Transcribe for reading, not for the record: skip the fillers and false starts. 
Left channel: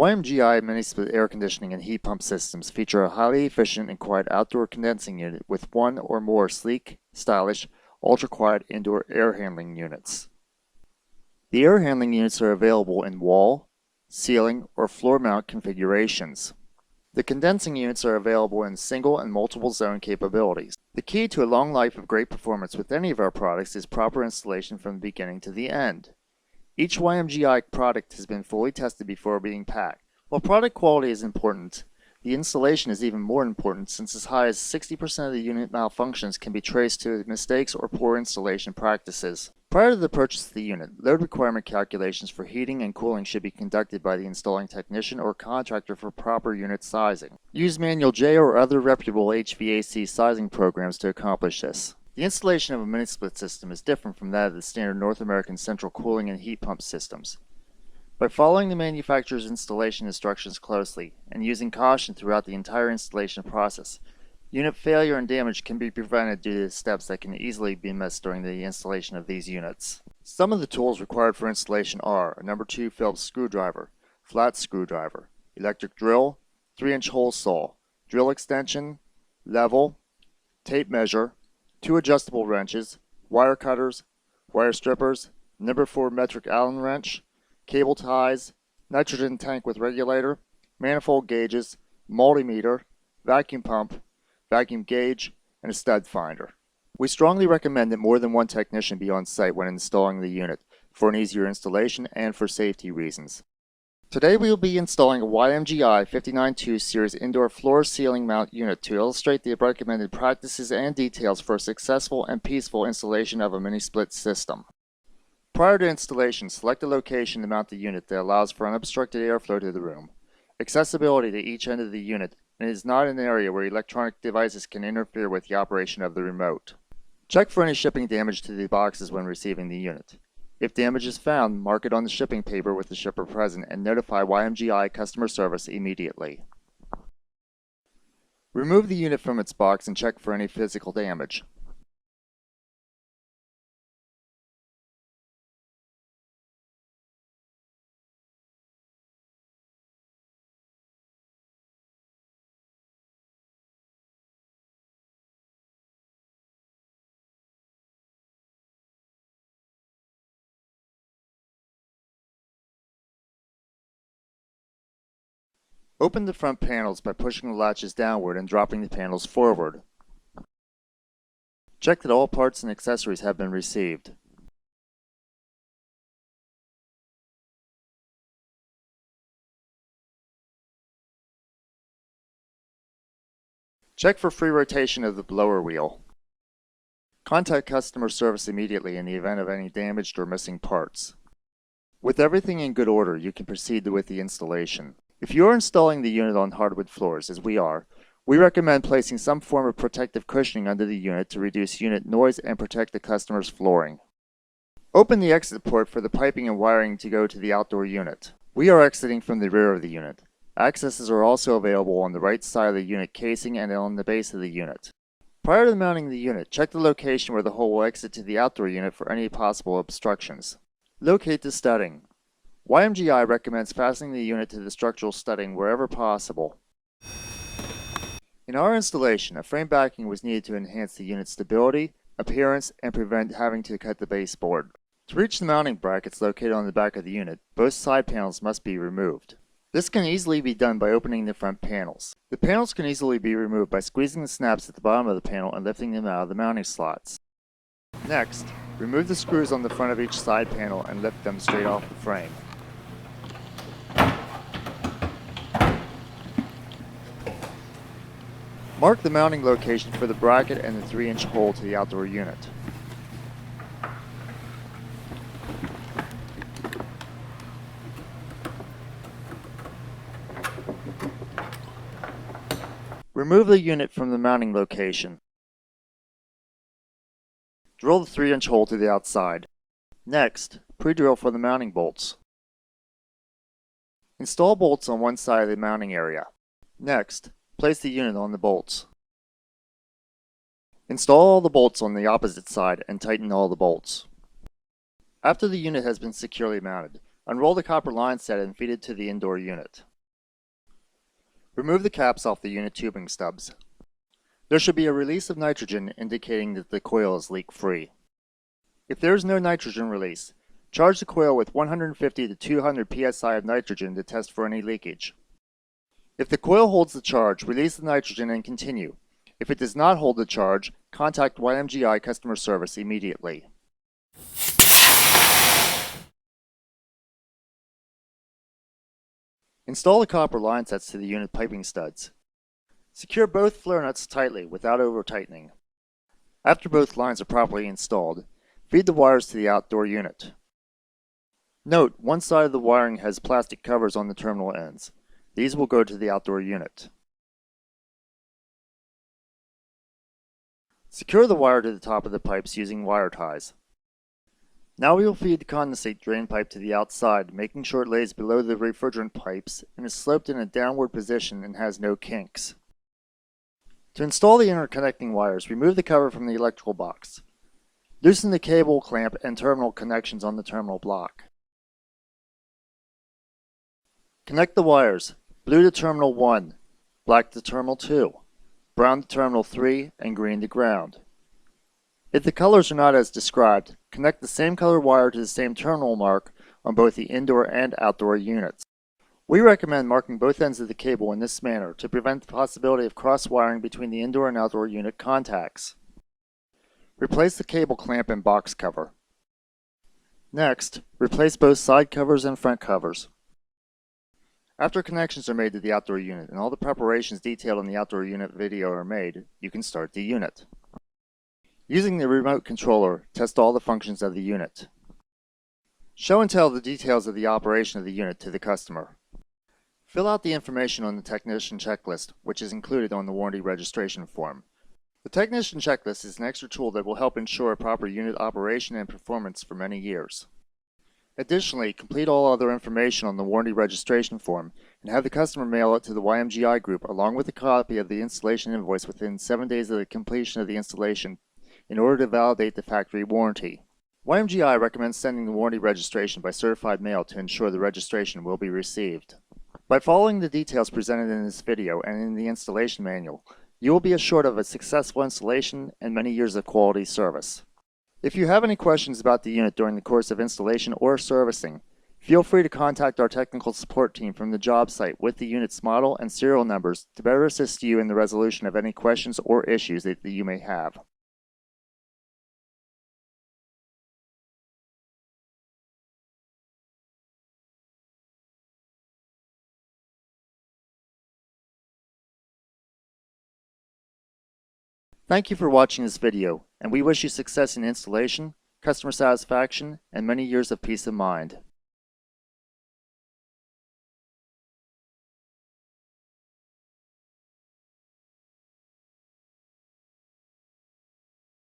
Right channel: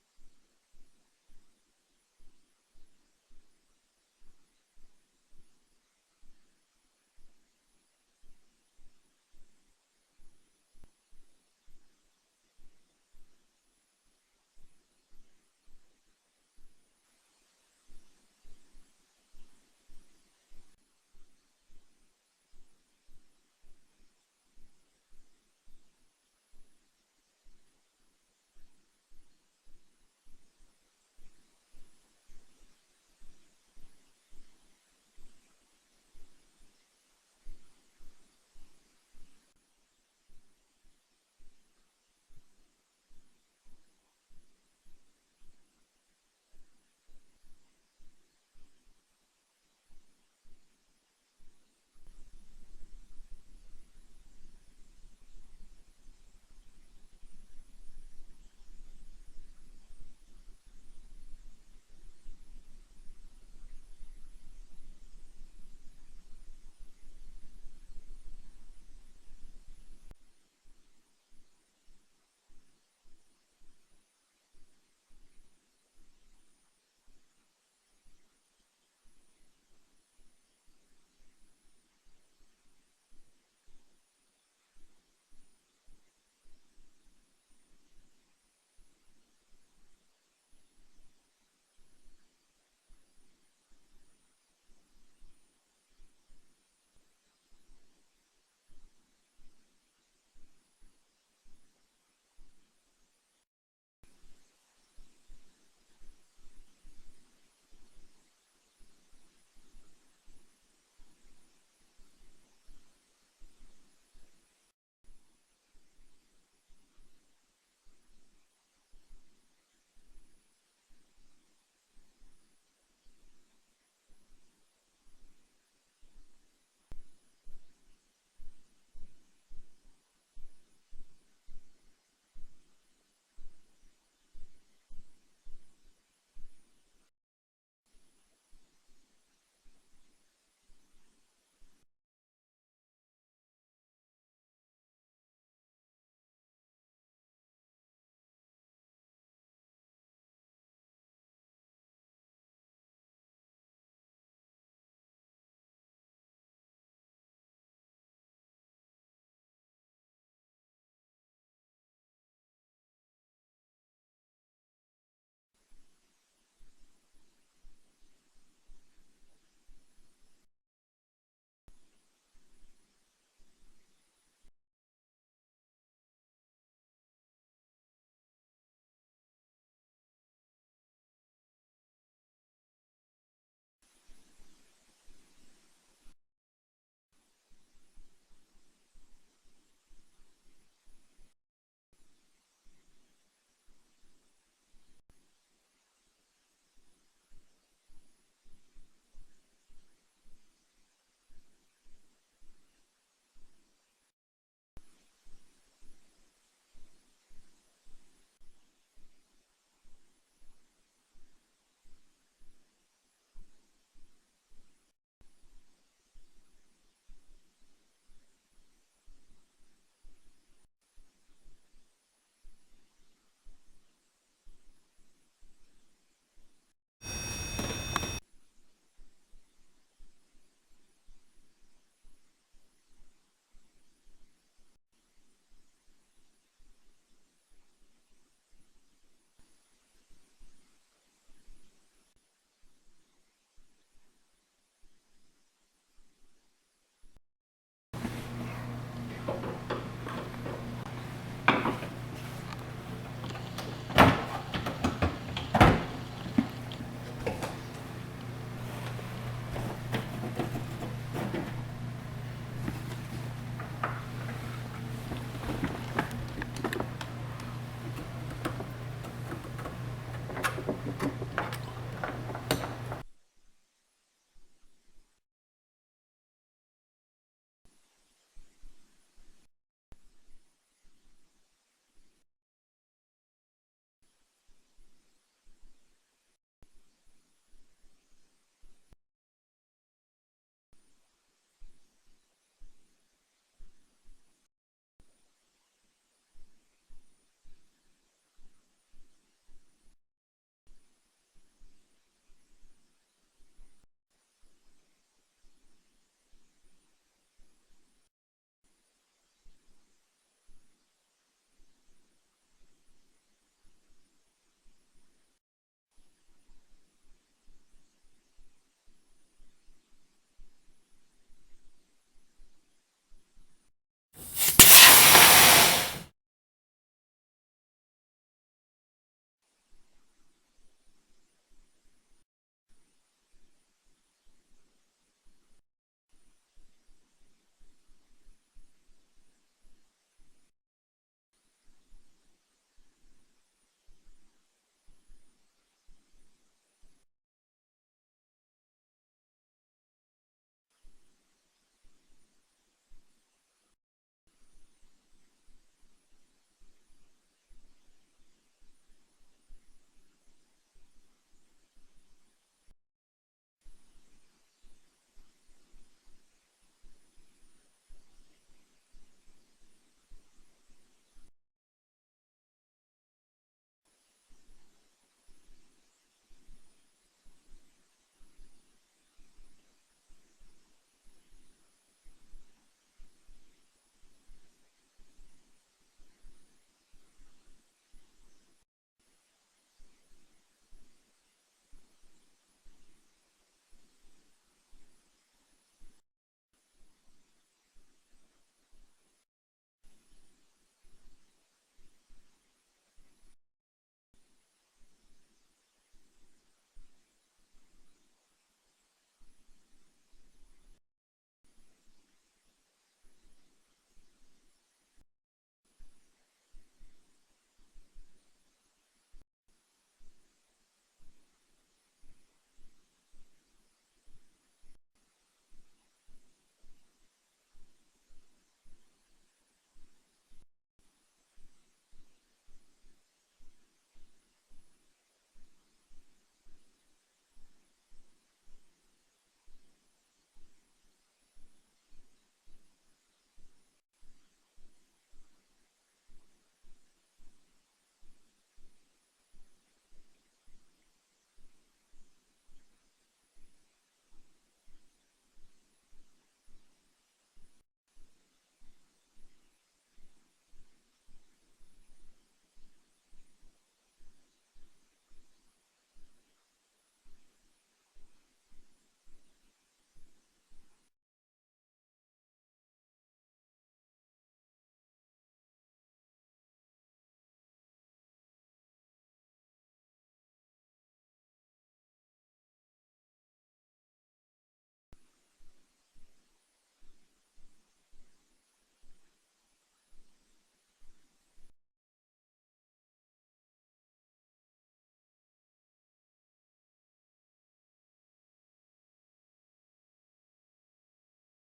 YMGI mini-split air conditioning and heat pump systems feature a highly efficient and quiet outdoor condensing unit with one or more sleek, stylish, ultra-quiet indoor air handling units. The air handling units are available in wall, ceiling, or floor mount configurations. The condensing units are available in single and multiple zone capabilities. The key to a long life of great performance with any of our products is proper installation from the beginning to the end. Each YMGI product has been fully tested before being packed. While product quality is important, the installation is even more important since as high as 60% of the unit malfunctions can be traced to mistakes or poor installation practices. Prior to the purchase of the unit, load requirement calculations for heating and cooling should be conducted by the installing technician or contractor for proper unit sizing. Use Manual J or other reputable HVAC sizing programs to accomplish this. The installation of a mini-split system is different from that of the standard North American central cooling and heat pump systems. By following the manufacturer's installation instructions closely and using caution throughout the entire installation process, unit failure and damage can be prevented due to steps that can easily be missed during the installation of these units. Some of the tools required for installation are a No. 2 Phillips screwdriver, flat screwdriver, electric drill, 3-inch hole saw, drill extension, level, tape measure, 2 adjustable wrenches, wire cutters, wire strippers, No. 4 metric Allen wrench, cable ties, nitrogen tank with regulator, manifold gauges, multimeter, vacuum pump, vacuum gauge, and a stud finder. We strongly recommend that more than one technician be on site when installing the unit for an easier installation and for safety reasons. Today we will be installing a YMGI 592 series indoor floor ceiling mount unit to illustrate the recommended practices and details for a successful and peaceful installation of a mini-split system. Prior to installation, select a location to mount the unit that allows for unobstructed airflow to the room, accessibility to each end of the unit, and is not an area where electronic devices can interfere with the operation of the remote. Check for any shipping damage to the boxes when receiving the unit. If damage is found, mark it on the shipping paper with the shipper present and notify YMGI customer service immediately. Remove the unit from its box and check for any physical damage. Open the front panels by pushing the latches downward and dropping the panels forward. Check that all parts and accessories have been received. Check for free rotation of the blower wheel. Contact customer service immediately in the event of any damaged or missing parts. With everything in good order, you can proceed with the installation. If you are installing the unit on hardwood floors, as we are, we recommend placing some form of protective cushioning under the unit to reduce unit noise and protect the customer's flooring. Open the exit port for the piping and wiring to go to the outdoor unit. We are exiting from the rear of the unit. Accesses are also available on the right side of the unit casing and on the base of the unit. Prior to mounting the unit, check the location where the hole will exit to the outdoor unit for any possible obstructions. Locate the studding. YMGI recommends fastening the unit to the structural studding wherever possible. In our installation, a frame backing was needed to enhance the unit's stability, appearance, and prevent having to cut the baseboard. To reach the mounting brackets located on the back of the unit, both side panels must be removed. This can easily be done by opening the front panels. The panels can easily be removed by squeezing the snaps at the bottom of the panel and lifting them out of the mounting slots. Next, remove the screws on the front of each side panel and lift them straight off the frame. Mark the mounting location for the bracket and the 3-inch hole to the outdoor unit. Remove the unit from the mounting location. Drill the 3-inch hole to the outside. Next, pre-drill for the mounting bolts. Install bolts on one side of the mounting area. Next, place the unit on the bolts. Install all the bolts on the opposite side and tighten all the bolts. After the unit has been securely mounted, unroll the copper line set and feed it to the indoor unit. Remove the caps off the unit tubing stubs. There should be a release of nitrogen indicating that the coil is leak-free. If there is no nitrogen release, charge the coil with 150 to 200 psi of nitrogen to test for any leakage. If the coil holds the charge, release the nitrogen and continue. If it does not hold the charge, contact YMGI customer service immediately. Install the copper line sets to the unit piping studs. Secure both flare nuts tightly without over-tightening. After both lines are properly installed, feed the wires to the outdoor unit. Note, one side of the wiring has plastic covers on the terminal ends. These will go to the outdoor unit. Secure the wire to the top of the pipes using wire ties. Now we will feed the condensate drain pipe to the outside, making sure it lays below the refrigerant pipes and is sloped in a downward position and has no kinks. To install the interconnecting wires, remove the cover from the electrical box. Loosen the cable clamp and terminal connections on the terminal block. Connect the wires, blue to terminal 1, black to terminal 2, brown to terminal 3, and green to ground. If the colors are not as described, connect the same color wire to the same terminal mark on both the indoor and outdoor units. We recommend marking both ends of the cable in this manner to prevent the possibility of cross-wiring between the indoor and outdoor unit contacts. Replace the cable clamp and box cover. Next, replace both side covers and front covers. After connections are made to the outdoor unit and all the preparations detailed in the outdoor unit video are made, you can start the unit. Using the remote controller, test all the functions of the unit. Show and tell the details of the operation of the unit to the customer. Fill out the information on the technician checklist, which is included on the warranty registration form. The technician checklist is an extra tool that will help ensure proper unit operation and performance for many years. Additionally, complete all other information on the warranty registration form and have the customer mail it to the YMGI group along with a copy of the installation invoice within 7 days of the completion of the installation in order to validate the factory warranty. YMGI recommends sending the warranty registration by certified mail to ensure the registration will be received. By following the details presented in this video and in the installation manual, you will be assured of a successful installation and many years of quality service. If you have any questions about the unit during the course of installation or servicing, feel free to contact our technical support team from the job site with the unit's model and serial numbers to better assist you in the resolution of any questions or issues that you may have. Thank you for watching this video, and we wish you success in installation, customer satisfaction, and many years of peace of mind.